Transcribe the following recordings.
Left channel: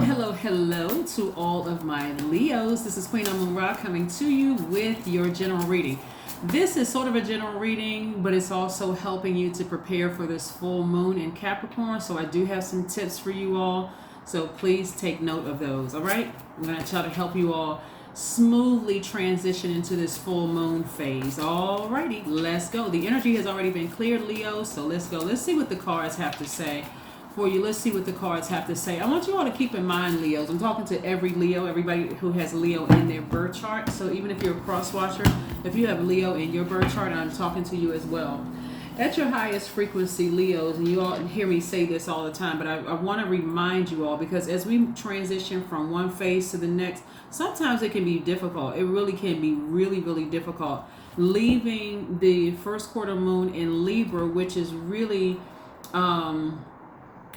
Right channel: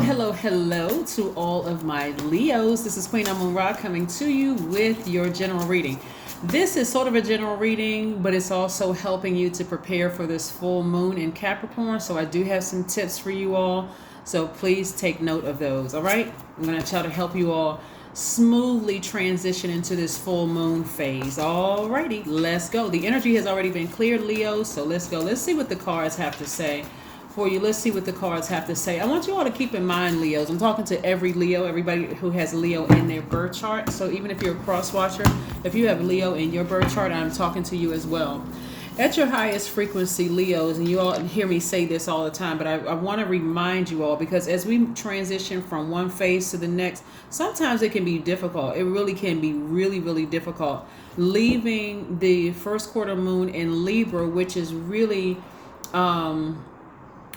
Hello to all of my Leos. This is Queen Amun Ra coming to you with your general reading. This is sort of a general reading, but it's also helping you to prepare for this full moon in Capricorn. So I do have some tips for you all. So please take note of those. All right. I'm going to try to help you all smoothly transition into this full moon phase. All righty, let's go. The energy has already been cleared, Leo. So let's go. Let's see what the cards have to say for you. Let's see what the cards have to say. I want you all to keep in mind, Leos, I'm talking to every Leo, everybody who has Leo in their birth chart. So even if you're a cross watcher, if you have Leo in your birth chart, I'm talking to you as well. At your highest frequency, Leos, and you all hear me say this all the time, but I want to remind you all, because as we transition from one phase to the next, sometimes it can be difficult. It really can be really difficult. Leaving the first quarter moon in Libra, which is really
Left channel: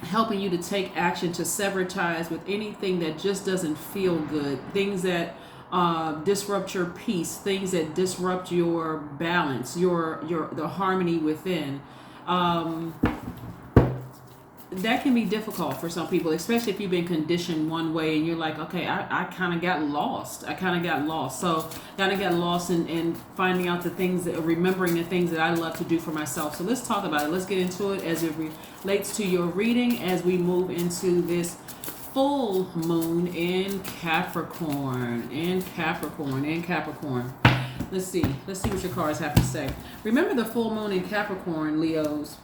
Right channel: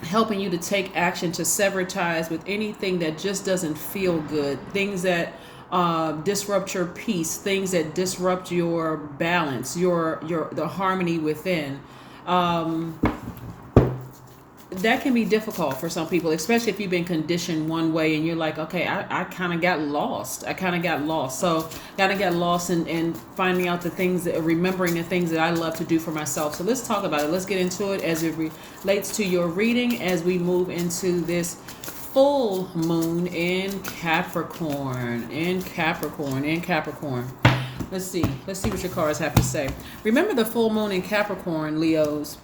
helping you to take action to sever ties with anything that just doesn't feel good, things that disrupt your peace, things that disrupt your balance, the harmony within. That can be difficult for some people, especially if you've been conditioned one way and you're like, okay, I kind of got lost. So kind of got lost in finding out the things, remembering the things that I love to do for myself. So let's talk about it. Let's get into it as it relates to your reading as we move into this full moon in Capricorn. Let's see what your cards have to say. Remember, the full moon in Capricorn, Leos,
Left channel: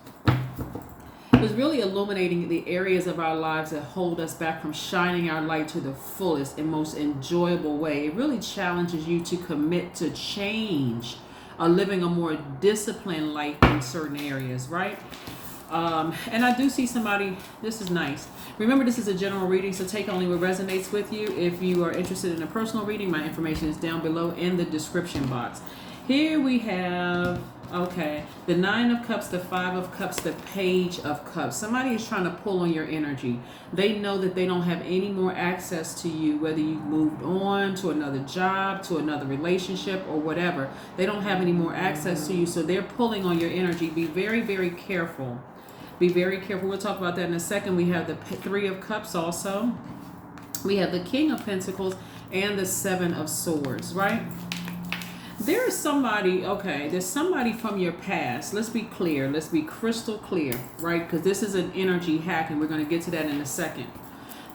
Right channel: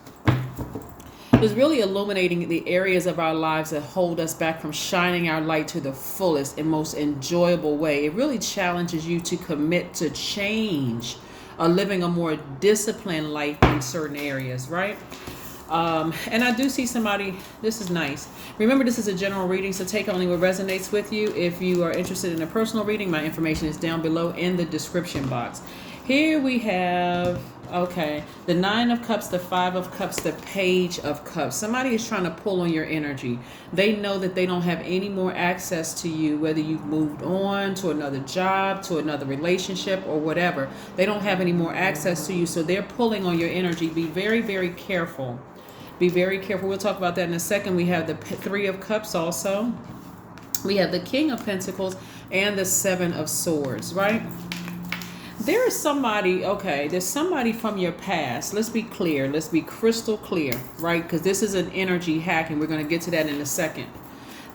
is really illuminating the areas of our lives that hold us back from shining our light to the fullest and most enjoyable way. It really challenges you to commit to change, living a more disciplined life in certain areas, right? And I do see somebody, this is nice. Remember, this is a general reading, so take only what resonates with you. If you are interested in a personal reading, my information is down below in the description box. Here we have, the Nine of Cups, the Five of Cups, the Page of Cups. Somebody is trying to pull on your energy. They know that they don't have any more access to you, whether you've moved on to another job, to another relationship, or whatever. They don't have any more access to you, so they're pulling on your energy. Be very careful. Be very careful. We'll talk about that in a second. We have the Three of Cups also. We have the King of Pentacles and the Seven of Swords, right? There is somebody, there's somebody from your past. Let's be clear. Let's be crystal clear, right? Because this is an energy hack, and we're going to get to that in a second.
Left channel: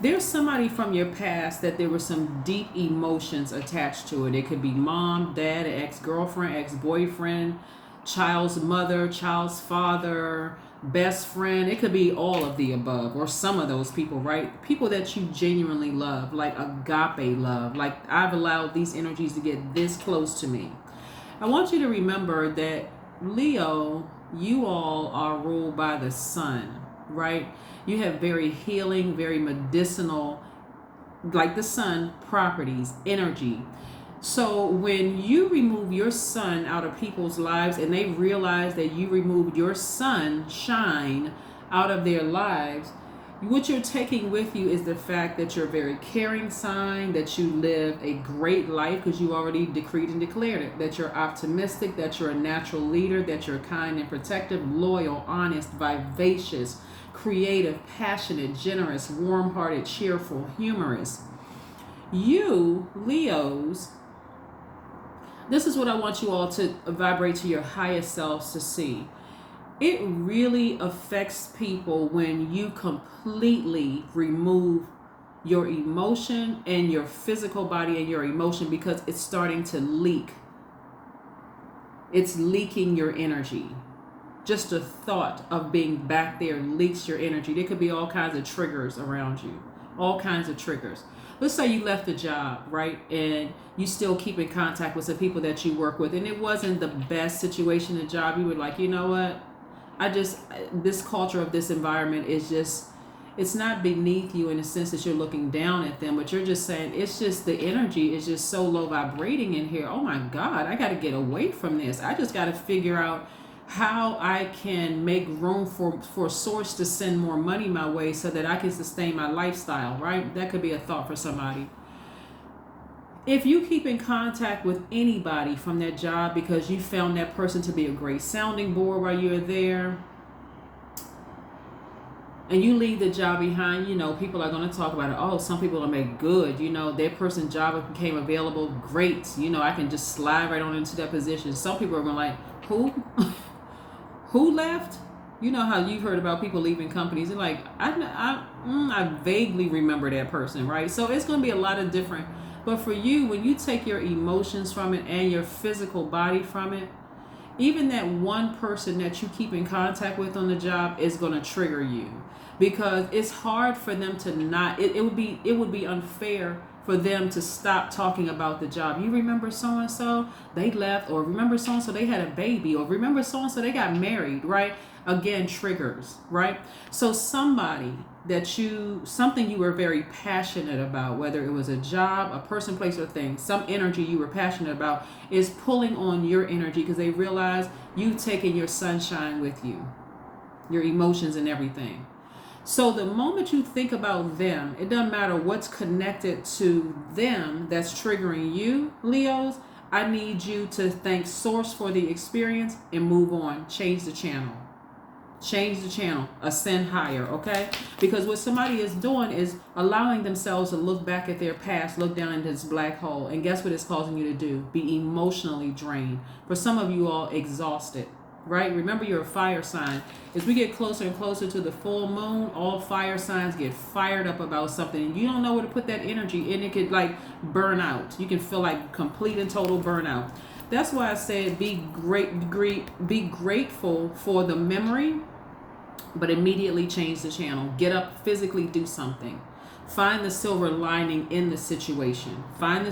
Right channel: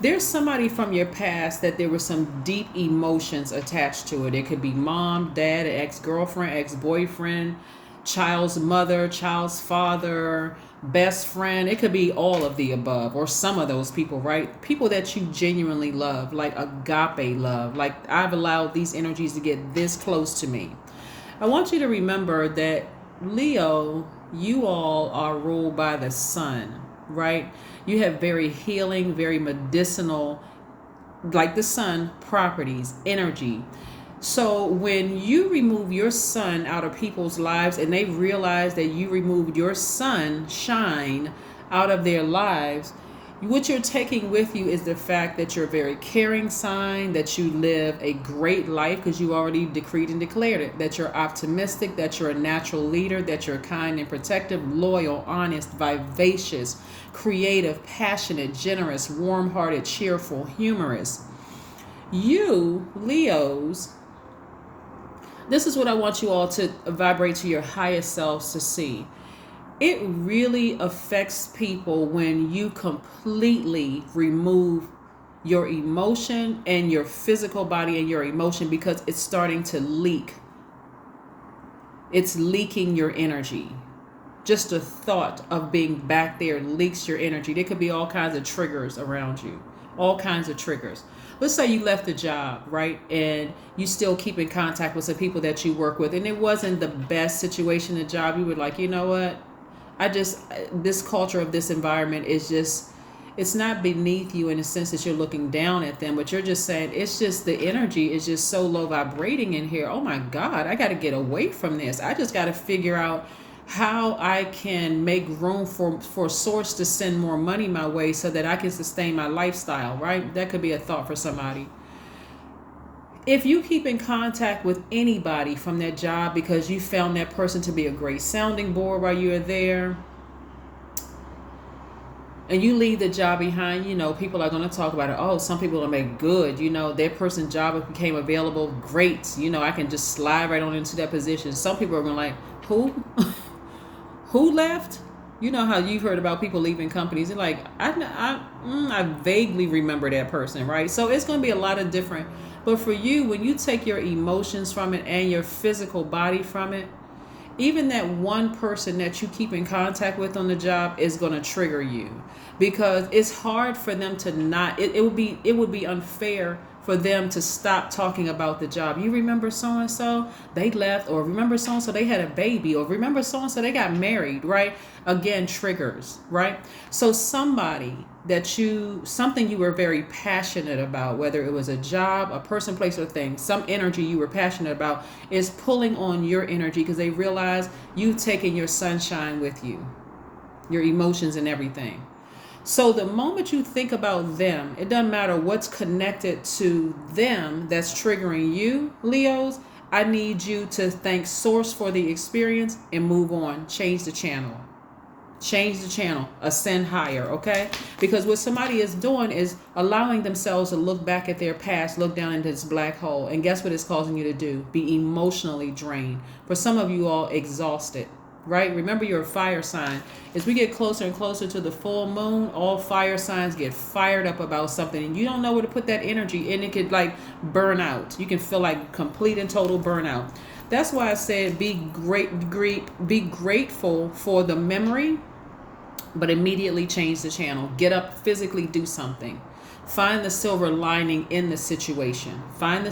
There's somebody from your past that there were some deep emotions attached to it. It could be mom, dad, ex-girlfriend, ex-boyfriend, child's mother, child's father, best friend. It could be all of the above, or some of those people, right? People that you genuinely love, like agape love. Like, I've allowed these energies to get this close to me. I want you to remember that, Leo, you all are ruled by the sun, right? You have very healing, very medicinal, like the sun, properties, energy. So when you remove your sun out of people's lives and they realize that you removed your sunshine out of their lives, what you're taking with you is the fact that you're a very caring sign, that you live a great life because you already decreed and declared it, that you're optimistic, that you're a natural leader, that you're kind and protective, loyal, honest, vivacious, creative, passionate, generous, warm-hearted, cheerful, humorous. You, Leos, this is what I want you all to vibrate to your highest selves to see. It really affects people when you completely remove your emotion and your physical body and your emotion, because it's starting to leak. It's leaking your energy. Just the thought of being back there leaks your energy. There could be all kinds of triggers around you. All kinds of triggers. Let's say you left the job, right? And you still keep in contact with some people that you work with, and it wasn't the best situation in the job. You were like, you know what? This culture of this environment is just, it's not beneath you in the sense that you're looking down at them, but you're just saying, it's just the energy is just so low vibrating in here. Oh my God, I got to get away from this. I just got to figure out how I can make room for source to send more money my way so that I can sustain my lifestyle, right? That could be a thought for somebody. If you keep in contact with anybody from that job because you found that person to be a great sounding board while you were there, and you leave the job behind, people are going to talk about it. Oh, some people are make good, their person's job became available. Great. I can just slide right on into that position. Some people are going to like, who? Who left? You know how you've heard about people leaving companies, and like, I vaguely remember that person, right? So it's going to be a lot of different. But for you, when you take your emotions from it and your physical body from it, even that one person that you keep in contact with on the job is going to trigger you, because it's hard for them to not, it would be unfair for them to stop talking about the job. You remember so and so, they left, or remember so and so, they had a baby, or remember so and so, they got married, right? Again, triggers, right? So something you were very passionate about, whether it was a job, a person, place, or thing, some energy you were passionate about is pulling on your energy, because they realize you've taken your sunshine with you, your emotions and everything. So the moment you think about them, it doesn't matter what's connected to them that's triggering you, Leos. I need you to thank Source for the experience and move on. Change the channel. Ascend higher, okay? Because what somebody is doing is allowing themselves to look back at their past, look down into this black hole, and guess what it's causing you to do? Be emotionally drained. For some of you all, exhausted, right? Remember, you're a fire sign. As we get closer and closer to the full moon, all fire signs get fired up about something, and you don't know where to put that energy, and it could like burn out. You can feel like complete and total burnout. That's why I said be grateful for the memory, but immediately change the channel. Get up, physically do something. Find the silver lining in the situation. But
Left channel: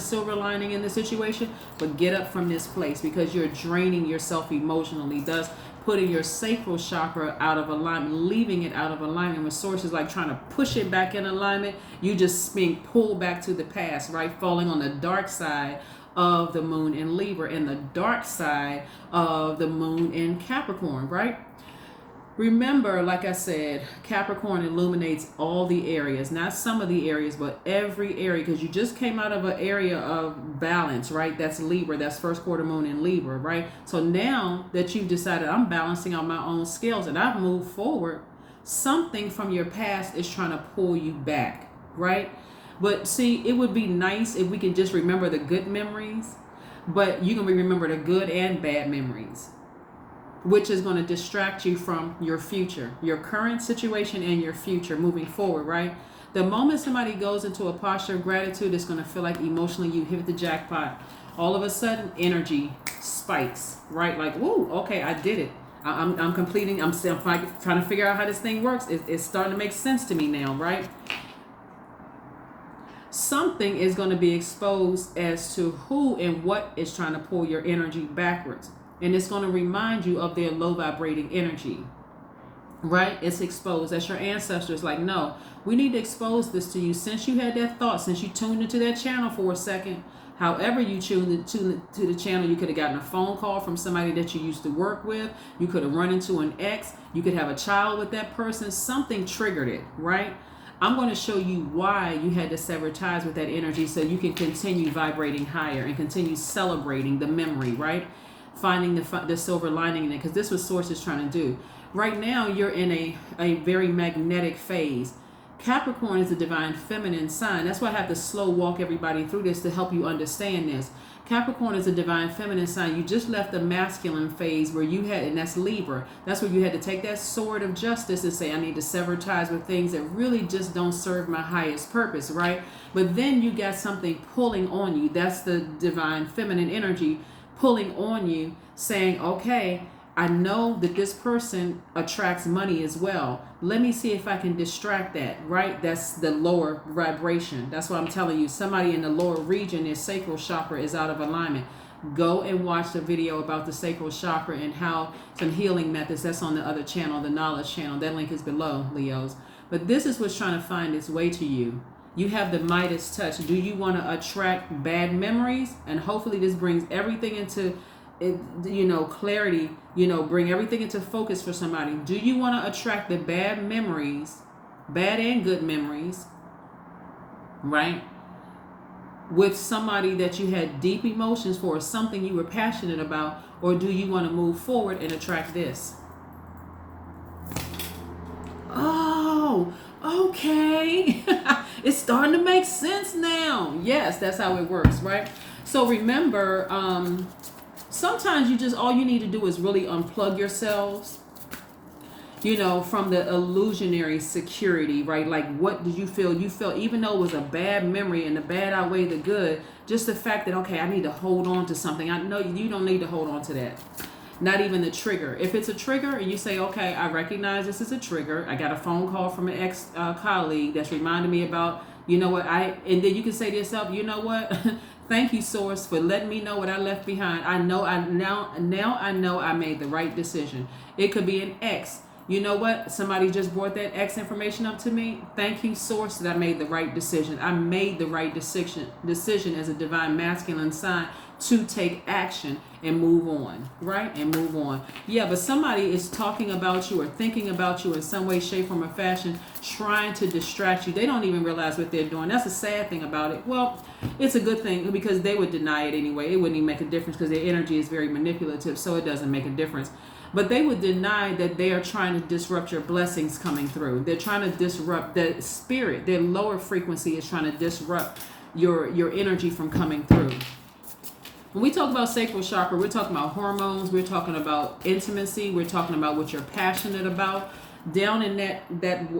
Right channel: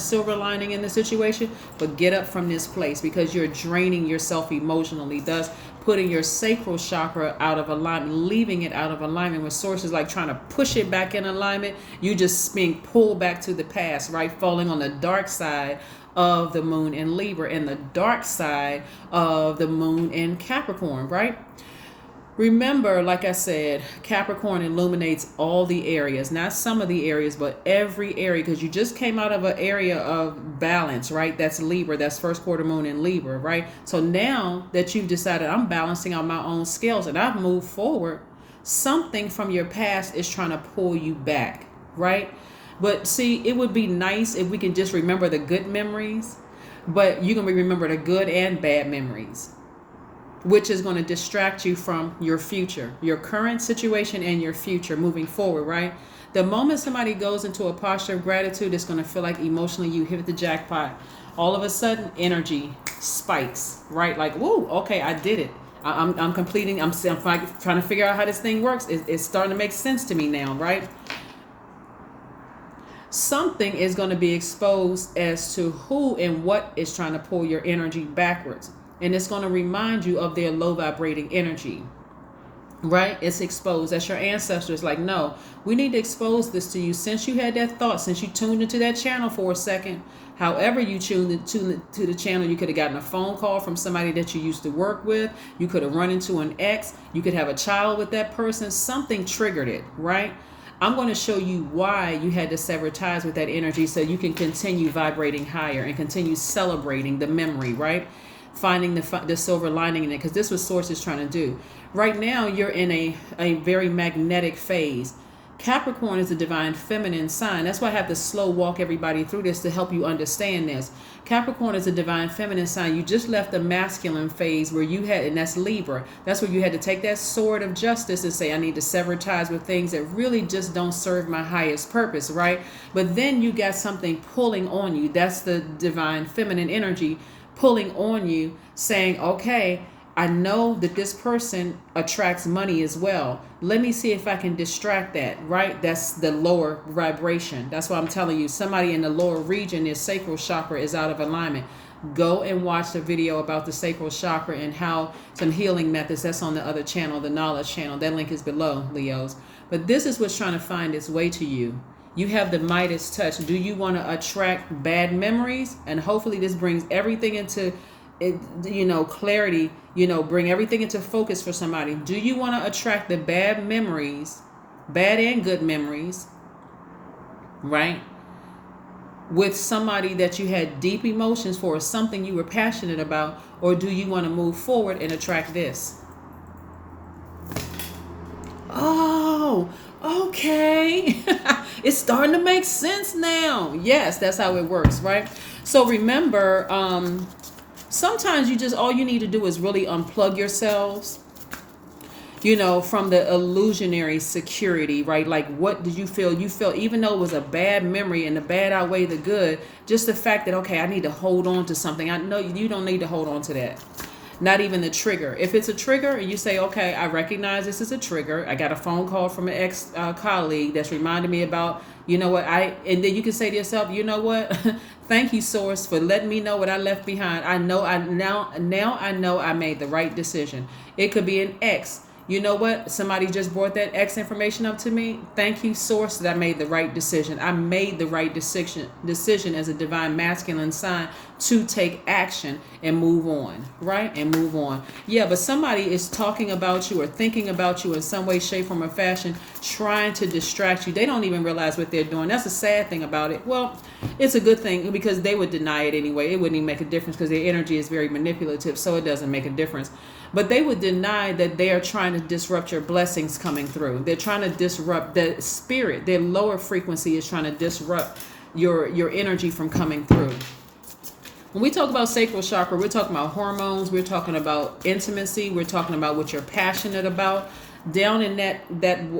get up from this place, because you're draining yourself emotionally, thus putting your sacral chakra out of alignment, leaving it out of alignment with sources, like trying to push it back in alignment. You just being pulled back to the past, right? Falling on the dark side of the moon in Libra and the dark side of the moon in Capricorn, right? Remember, like I said, Capricorn illuminates all the areas, not some of the areas, but every area, because you just came out of an area of balance, right? That's Libra, that's first quarter moon in Libra, right? So now that you've decided I'm balancing out my own scales and I've moved forward, something from your past is trying to pull you back, right? But see, it would be nice if we could just remember the good memories, but you can remember the good and bad memories, which is going to distract you from your future, your current situation and your future moving forward, right? The moment somebody goes into a posture of gratitude, it's going to feel like emotionally you hit the jackpot. All of a sudden, energy spikes, right? Like, whoa, okay, I did it. I'm completing, I'm trying to figure out how this thing works. It's starting to make sense to me now, right? Something is going to be exposed as to who and what is trying to pull your energy backwards. And it's going to remind you of their low vibrating energy, right? It's exposed. That's your ancestors. Like, no, we need to expose this to you. Since you had that thought, since you tuned into that channel for a second, however you tuned into the channel, you could have gotten a phone call from somebody that you used to work with. You could have run into an ex. You could have a child with that person. Something triggered it, right? I'm going to show you why you had to sever ties with that energy, so you can continue vibrating higher and continue celebrating the memory, right? Finding the silver lining in it, because this is what Source is trying to do. Right now, you're in a very magnetic phase. Capricorn is a divine feminine sign. That's why I have to slow walk everybody through this to help you understand this. Capricorn is a divine feminine sign. You just left the masculine phase where you had, and that's Libra. That's where you had to take that sword of justice and say, I need to sever ties with things that really just don't serve my highest purpose, right? But then you got something pulling on you. That's the divine feminine energy pulling on you, saying, okay, I know that this person attracts money as well. Let me see if I can distract that, right? That's the lower vibration. That's why I'm telling you, somebody in the lower region, their sacral chakra is out of alignment. Go and watch the video about the sacral chakra and how some healing methods. That's on the other channel, the knowledge channel. That link is below, Leos. But this is what's trying to find its way to you. You have the Midas touch. Do you want to attract bad memories? And hopefully this brings everything into, clarity, bring everything into focus for somebody. Do you want to attract the bad memories, bad and good memories, right? With somebody that you had deep emotions for, something you were passionate about, or do you want to move forward and attract this? Oh, okay, it's starting to make sense now. Yes, that's how it works, right? So remember, sometimes all you need to do is really unplug yourselves, from the illusionary security, right? Like, what did you feel? You felt, even though it was a bad memory and the bad outweighed the good, just the fact that, okay, I need to hold on to something. I know you don't need to hold on to that. Not even the trigger. If it's a trigger and you say, okay, I recognize this is a trigger. I got a phone call from an ex-colleague that's reminded me about, and then you can say to yourself, you know what? Thank you, source, for letting me know what I left behind. Now I know I made the right decision. It could be an ex. You know what? Somebody just brought that X information up to me. Thank you, source, that I made the right decision. I made the right decision as a divine masculine sign to take action and move on, right? And move on. Yeah, but somebody is talking about you or thinking about you in some way, shape, form, or fashion, trying to distract you. They don't even realize what they're doing. That's a sad thing about it. Well, it's a good thing because they would deny it anyway. It wouldn't even make a difference because their energy is very manipulative, so it doesn't make a difference. But they would deny that they are trying to disrupt your blessings coming through. They're trying to disrupt the spirit. Their lower frequency is trying to disrupt your energy from coming through. When we talk about sacral chakra, we're talking about hormones. We're talking about intimacy. We're talking about what you're passionate about. Down in that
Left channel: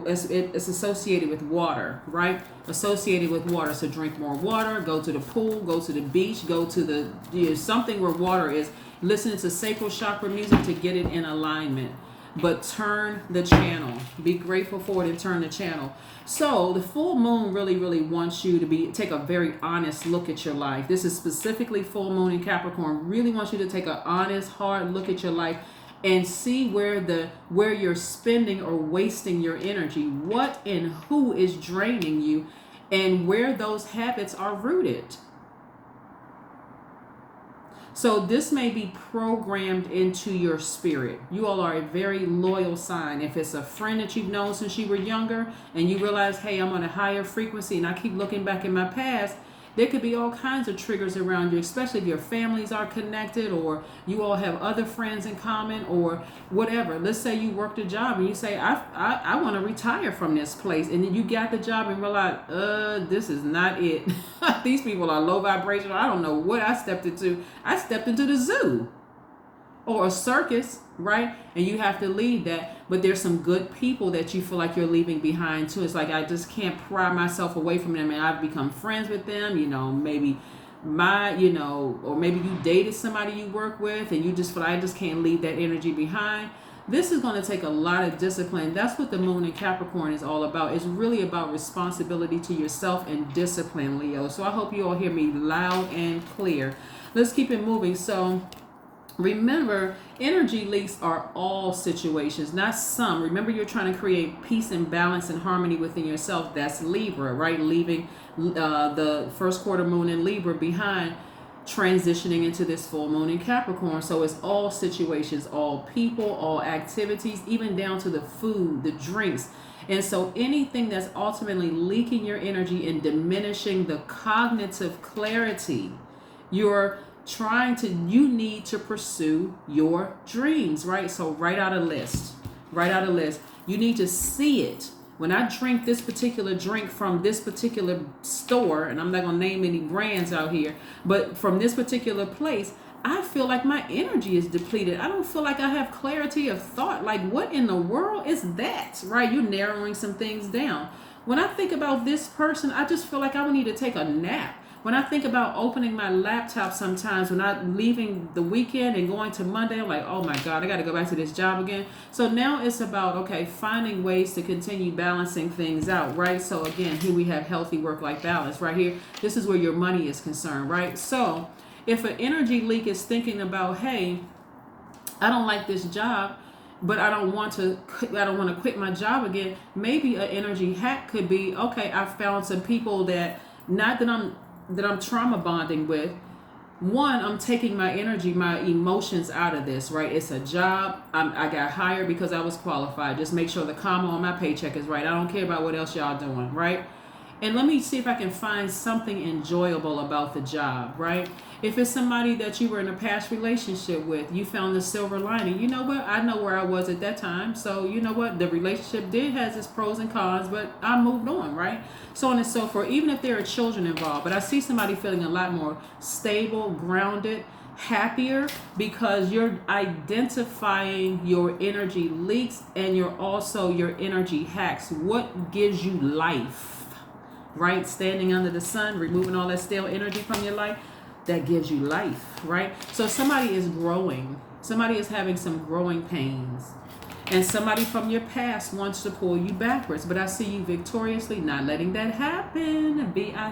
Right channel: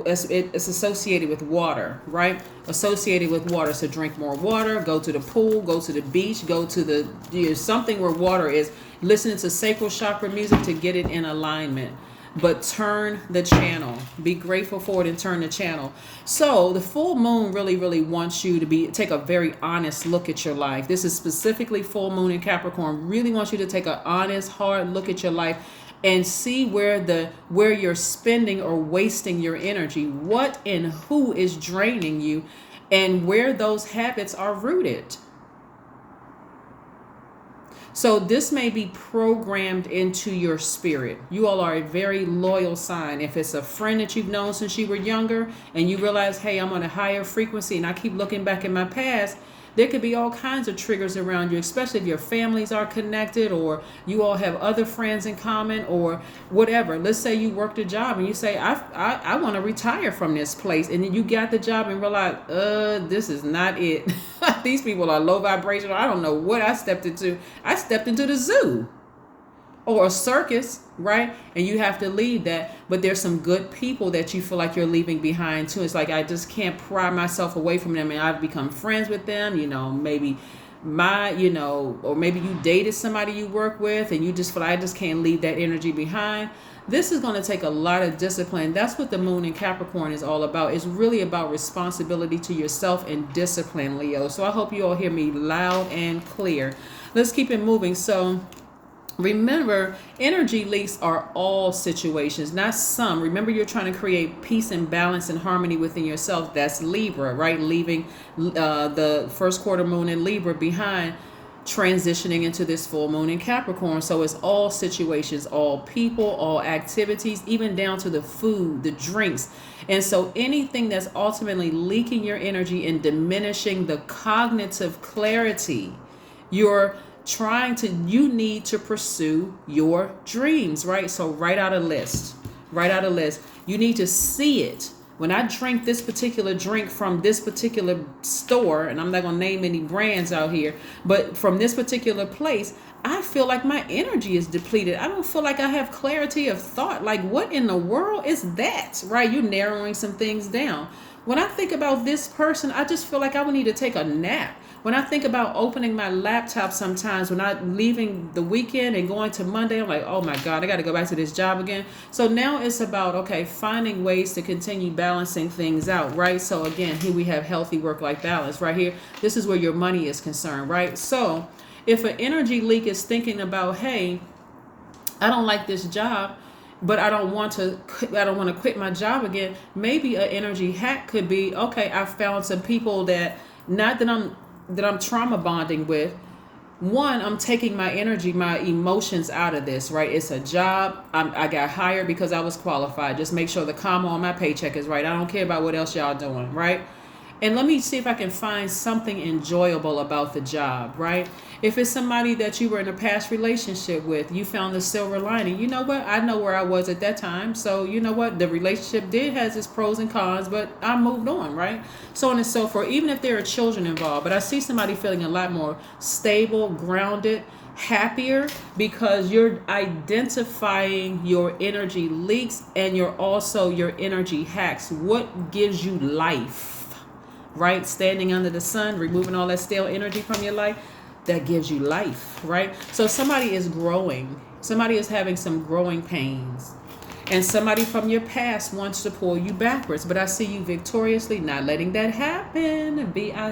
it's associated with water, right? Associated with water. So drink more water, go to the pool, go to the beach, go to something where water is. Listen to sacral chakra music to get it in alignment. But turn the channel. Be grateful for it and turn the channel. So the full moon really, really wants you to take a very honest look at your life. This is specifically full moon in Capricorn. Really wants you to take an honest, hard look at your life and see where you're spending or wasting your energy. What and who is draining you and where those habits are rooted. So this may be programmed into your spirit. You all are a very loyal sign. If it's a friend that you've known since you were younger and you realize, hey, I'm on a higher frequency and I keep looking back in my past, there could be all kinds of triggers around you, especially if your families are connected or you all have other friends in common or whatever. Let's say you worked a job and you say, I want to retire from this place. And then you got the job and realize, this is not it. These people are low vibrational. I don't know what I stepped into. I stepped into the zoo or a circus, right? And you have to leave that. But there's some good people that you feel like you're leaving behind too. It's like, I just can't pry myself away from them and I've become friends with them, maybe or maybe you dated somebody you work with and you just feel like, I just can't leave that energy behind. This is going to take a lot of discipline. That's what the moon in Capricorn is all about. It's really about responsibility to yourself and discipline, Leo. So I hope you all hear me loud and clear. Let's keep it moving. So remember, energy leaks are all situations, not some. Remember, you're trying to create peace and balance and harmony within yourself. That's Libra, right? Leaving the first quarter moon in Libra behind, transitioning into this full moon in Capricorn. So it's all situations, all people, all activities, even down to the food, the drinks. And so anything that's ultimately leaking your energy and diminishing the cognitive clarity, you need to pursue your dreams, right? So write out a list. You need to see it. When I drink this particular drink from this particular store, and I'm not going to name any brands out here, but from this particular place, I feel like my energy is depleted. I don't feel like I have clarity of thought. Like, what in the world is that, right? You're narrowing some things down. When I think about this person, I just feel like I would need to take a nap. When I think about opening my laptop sometimes, when I'm leaving the weekend and going to Monday, I'm like, oh my God, I got to go back to this job again. So now it's about, okay, finding ways to continue balancing things out, right? So again, here we have healthy work-life balance right here. This is where your money is concerned, right? So if an energy leak is thinking about, hey, I don't like this job, but I don't want to quit my job again. Maybe an energy hack could be, okay, I found some people that I'm trauma bonding with. One, I'm taking my energy, my emotions out of this, right? It's a job. I got hired because I was qualified. Just make sure the comma on my paycheck is right. I don't care about what else y'all doing, right? And let me see if I can find something enjoyable about the job, right? If it's somebody that you were in a past relationship with, you found the silver lining. You know what? I know where I was at that time. So, you know what? The relationship did has its pros and cons, but I moved on, right? So on and so forth, even if there are children involved. But I see somebody feeling a lot more stable, grounded, happier, because you're identifying your energy leaks and you're also your energy hacks. What gives you life? Right? Standing under the sun, removing all that stale energy from your life, that gives you life, right? So somebody is growing. Somebody is having some growing pains. And somebody from your past wants to pull you backwards. But I see you victoriously not letting that happen. Victory.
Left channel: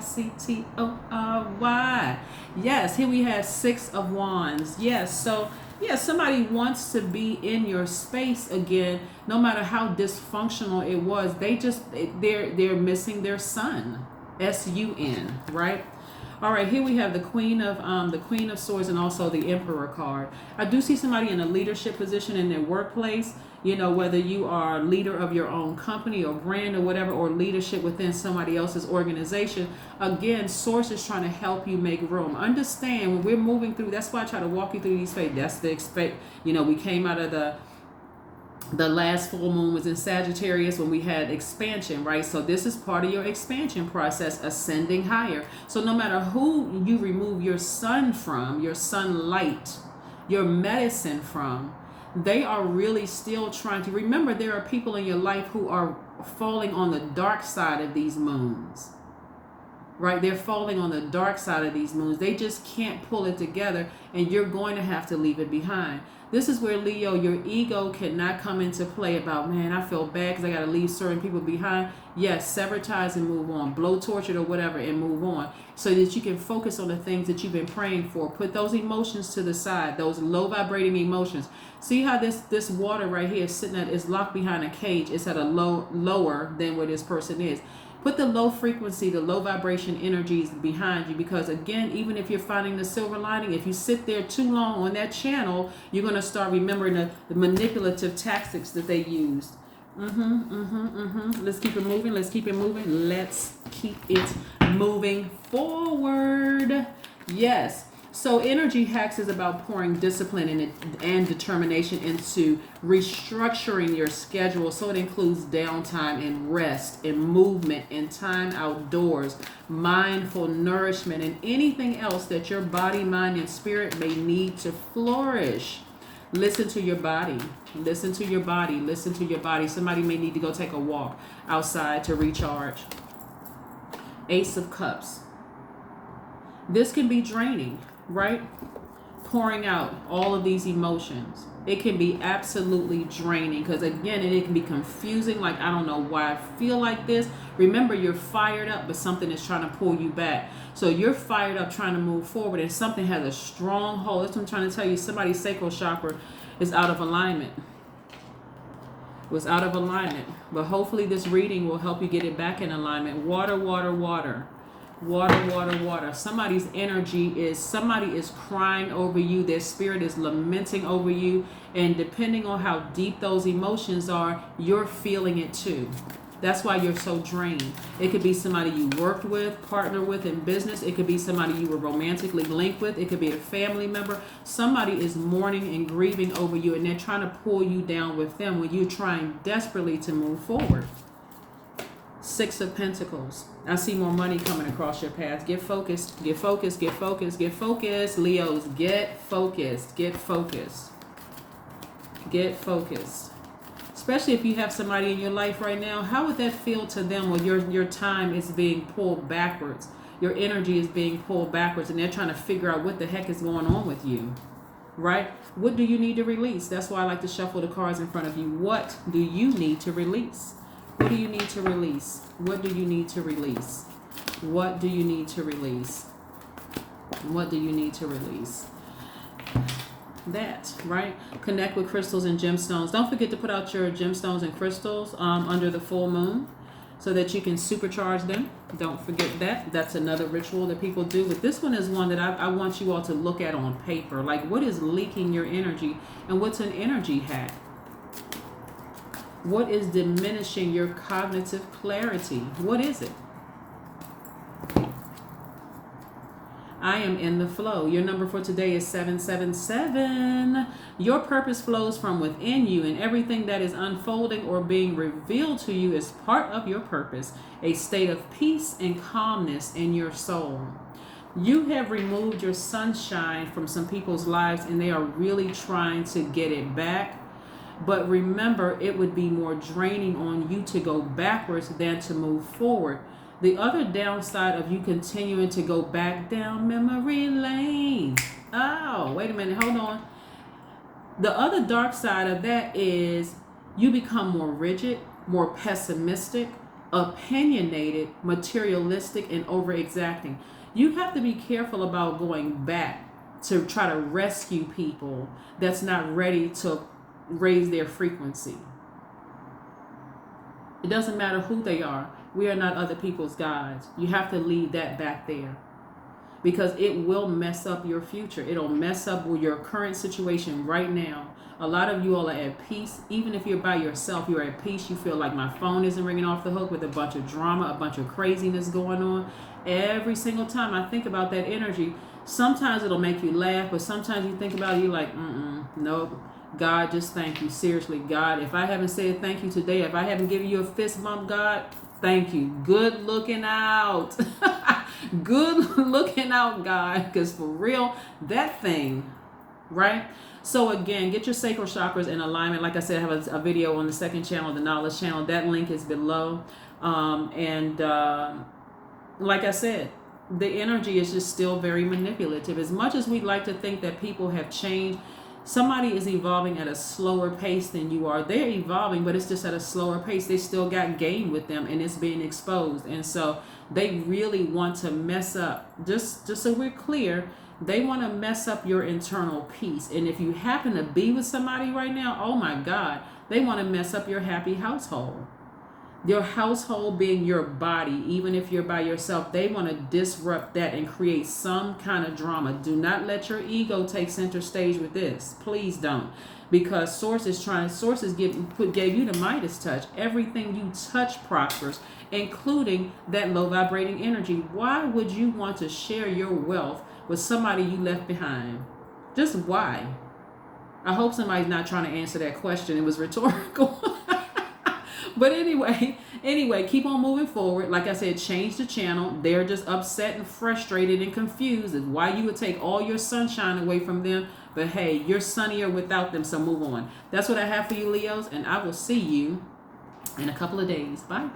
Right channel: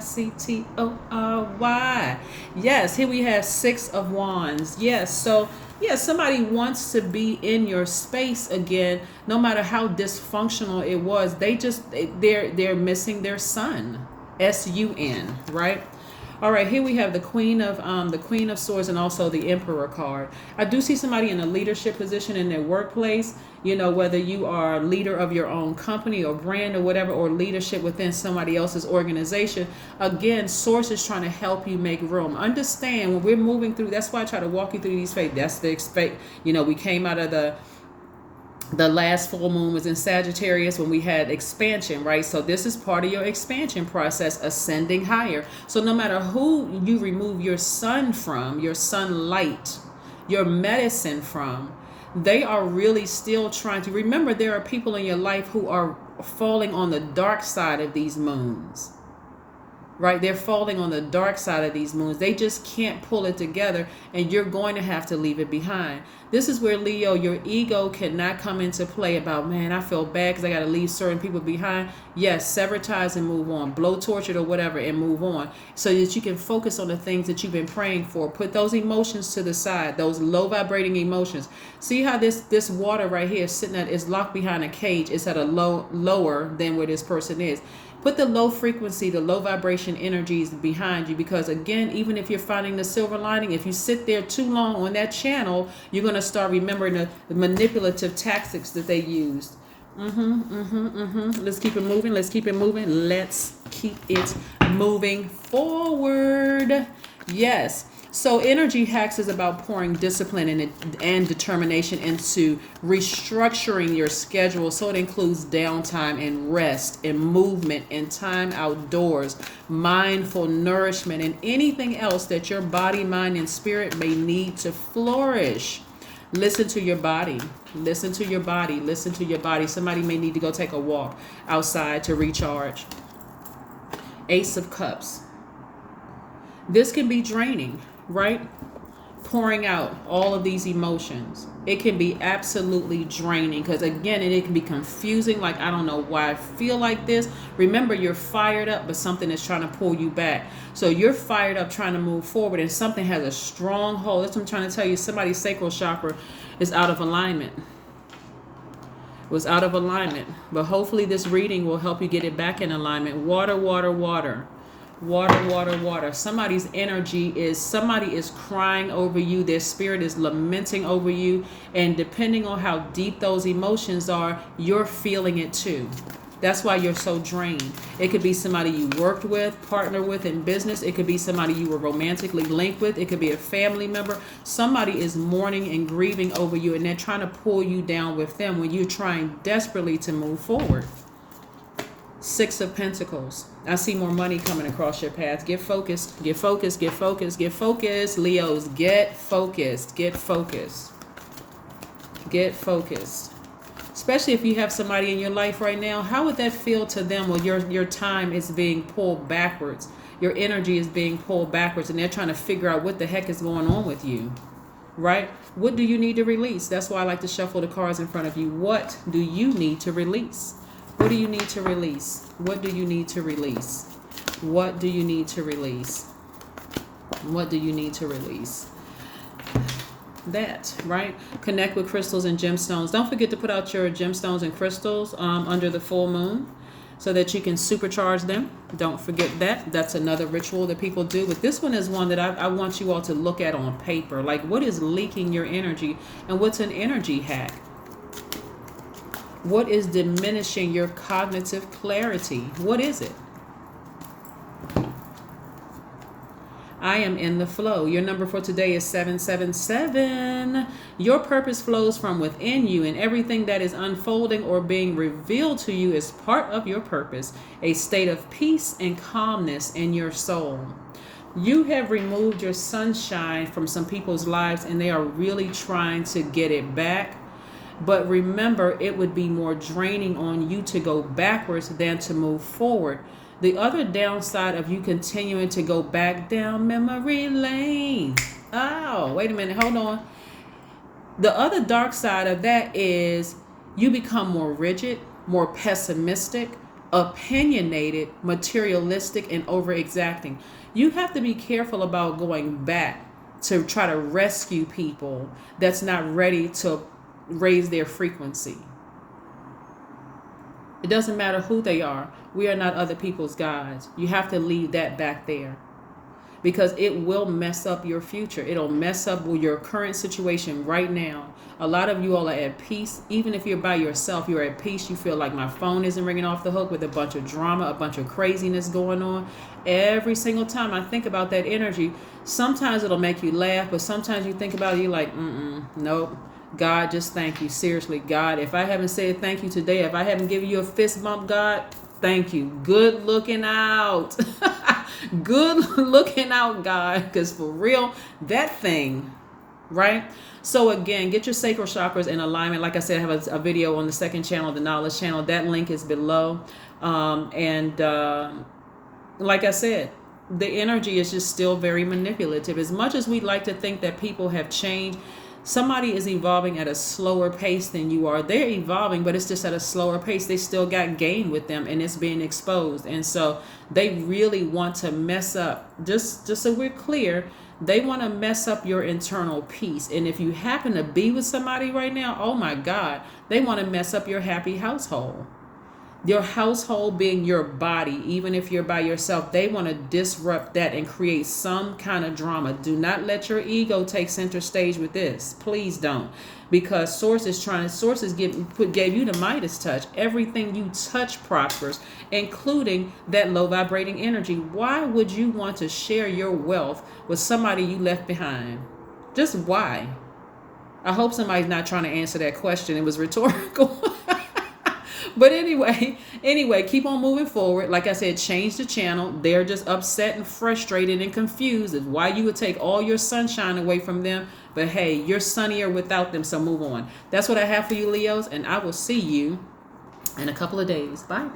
Yes, here we have 6 of Wands. Yes, so yeah, somebody wants to be in your space again, no matter how dysfunctional it was. They're missing their sun, sun, right? All right, here we have the Queen of Swords and also the Emperor card. I do see somebody in a leadership position in their workplace. You know, whether you are a leader of your own company or brand or whatever, or leadership within somebody else's organization. Again, Source is trying to help you make room. Understand when we're moving through. That's why I try to walk you through these phases. That's the expect. You know, we came out of the last full moon was in Sagittarius when we had expansion, right? So this is part of your expansion process, ascending higher. So no matter who you remove your sun from, your sunlight, your medicine from, they are really still trying to remember. There are people in your life who are falling on the dark side of these moons, right? They're falling on the dark side of these moons. They just can't pull it together, and you're going to have to leave it behind. This is where, Leo, your ego cannot come into play about, man, I feel bad because I got to leave certain people behind. Yes, sever ties and move on. Blow tortured or whatever and move on, so that you can focus on the things that you've been praying for. Put those emotions to the side, those low vibrating emotions. See how this water right here is sitting at, is locked behind a cage. It's at a lower than where this person is. Put the low frequency, the low vibration energies behind you, because again, even if you're finding the silver lining, if you sit there too long on that channel, you're going to start remembering the manipulative tactics that they used. Let's keep it moving. Let's keep it moving. Let's keep it moving forward. Yes. So energy hacks is about pouring discipline and determination into restructuring your schedule. So it includes downtime and rest and movement and time outdoors, mindful nourishment, and anything else that your body, mind, and spirit may need to flourish. Listen to your body. Listen to your body. Listen to your body. Somebody may need to go take a walk outside to recharge. Ace of Cups. This can be draining, right? Pouring out all of these emotions. It can be absolutely draining, because again, it can be confusing. Like, I don't know why I feel like this. Remember, you're fired up, but something is trying to pull you back. So you're fired up trying to move forward, and something has a strong hold. That's what I'm trying to tell you. Somebody's sacral chakra is out of alignment. It was out of alignment. But hopefully this reading will help you get it back in alignment. Water, water, water. Water, water, water. Somebody's energy is, somebody is crying over you. Their spirit is lamenting over you. And depending on how deep those emotions are, you're feeling it too. That's why you're so drained. It could be somebody you worked with, partnered with in business. It could be somebody you were romantically linked with. It could be a family member. Somebody is mourning and grieving over you, and they're trying to pull you down with them when you're trying desperately to move forward. 6 of Pentacles. I see more money coming across your path. Get focused. Get focused. Get focused. Get focused. Leos, get focused. Get focused. Get focused. Especially if you have somebody in your life right now. How would that feel to them when your time is being pulled backwards? Your energy is being pulled backwards, and they're trying to figure out what the heck is going on with you, right? What do you need to release? That's why I like to shuffle the cards in front of you. What do you need to release? What do you need to release? What do you need to release? What do you need to release? What do you need to release? That, right? Connect with crystals and gemstones. Don't forget to put out your gemstones and crystals under the full moon so that you can supercharge them. Don't forget that. That's another ritual that people do. But this one is one that I want you all to look at on paper. Like, what is leaking your energy, and what's an energy hack? What is diminishing your cognitive clarity? What is it? I am in the flow. Your number for today is 777. Your purpose flows from within you, and everything that is unfolding or being revealed to you is part of your purpose, a state of peace and calmness in your soul. You have removed your sunshine from some people's lives, and they are really trying to get it back. But remember, it would be more draining on you to go backwards than to move forward. The other downside of you continuing to go back down memory lane. Oh, wait a minute. Hold on. The other dark side of that is you become more rigid, more pessimistic, opinionated, materialistic, and over exacting. You have to be careful about going back to try to rescue people that's not ready to raise their frequency. It doesn't matter who they are. We are not other people's gods. You have to leave that back there, because it will mess up your future. It'll mess up your current situation right now. A lot of you all are at peace. Even if you're by yourself, you're at peace. You feel like my phone isn't ringing off the hook with a bunch of drama, a bunch of craziness going on. Every single time I think about that energy, sometimes it'll make you laugh, but sometimes you think about it, you're like, nope. God, just thank you. Seriously, God, if I haven't said thank you today, if I haven't given you a fist bump, God, thank you. Good looking out. Good looking out, God. Because for real, that thing, right? So again, get your sacral chakras in alignment. Like I said, I have a video on the second channel, the knowledge channel. That link is below. Like I said, the energy is just still very manipulative. As much as we'd like to think that people have changed, somebody is evolving at a slower pace than you are. They're evolving, but it's just at a slower pace. They still got game with them, and it's being exposed. And so they really want to mess up. Just so we're clear, they want to mess up your internal peace. And if you happen to be with somebody right now, oh my God, they want to mess up your happy household. Your household being your body, even if you're by yourself, they want to disrupt that and create some kind of drama. Do not let your ego take center stage with this. Please don't. Because sources gave you the Midas touch. Everything you touch prospers, including that low vibrating energy. Why would you want to share your wealth with somebody you left behind? Just why? I hope somebody's not trying to answer that question. It was rhetorical. But anyway, keep on moving forward. Like I said, change the channel. They're just upset and frustrated and confused as why you would take all your sunshine away from them. But hey, you're sunnier without them, so move on. That's what I have for you, Leos, and I will see you in a couple of days. Bye.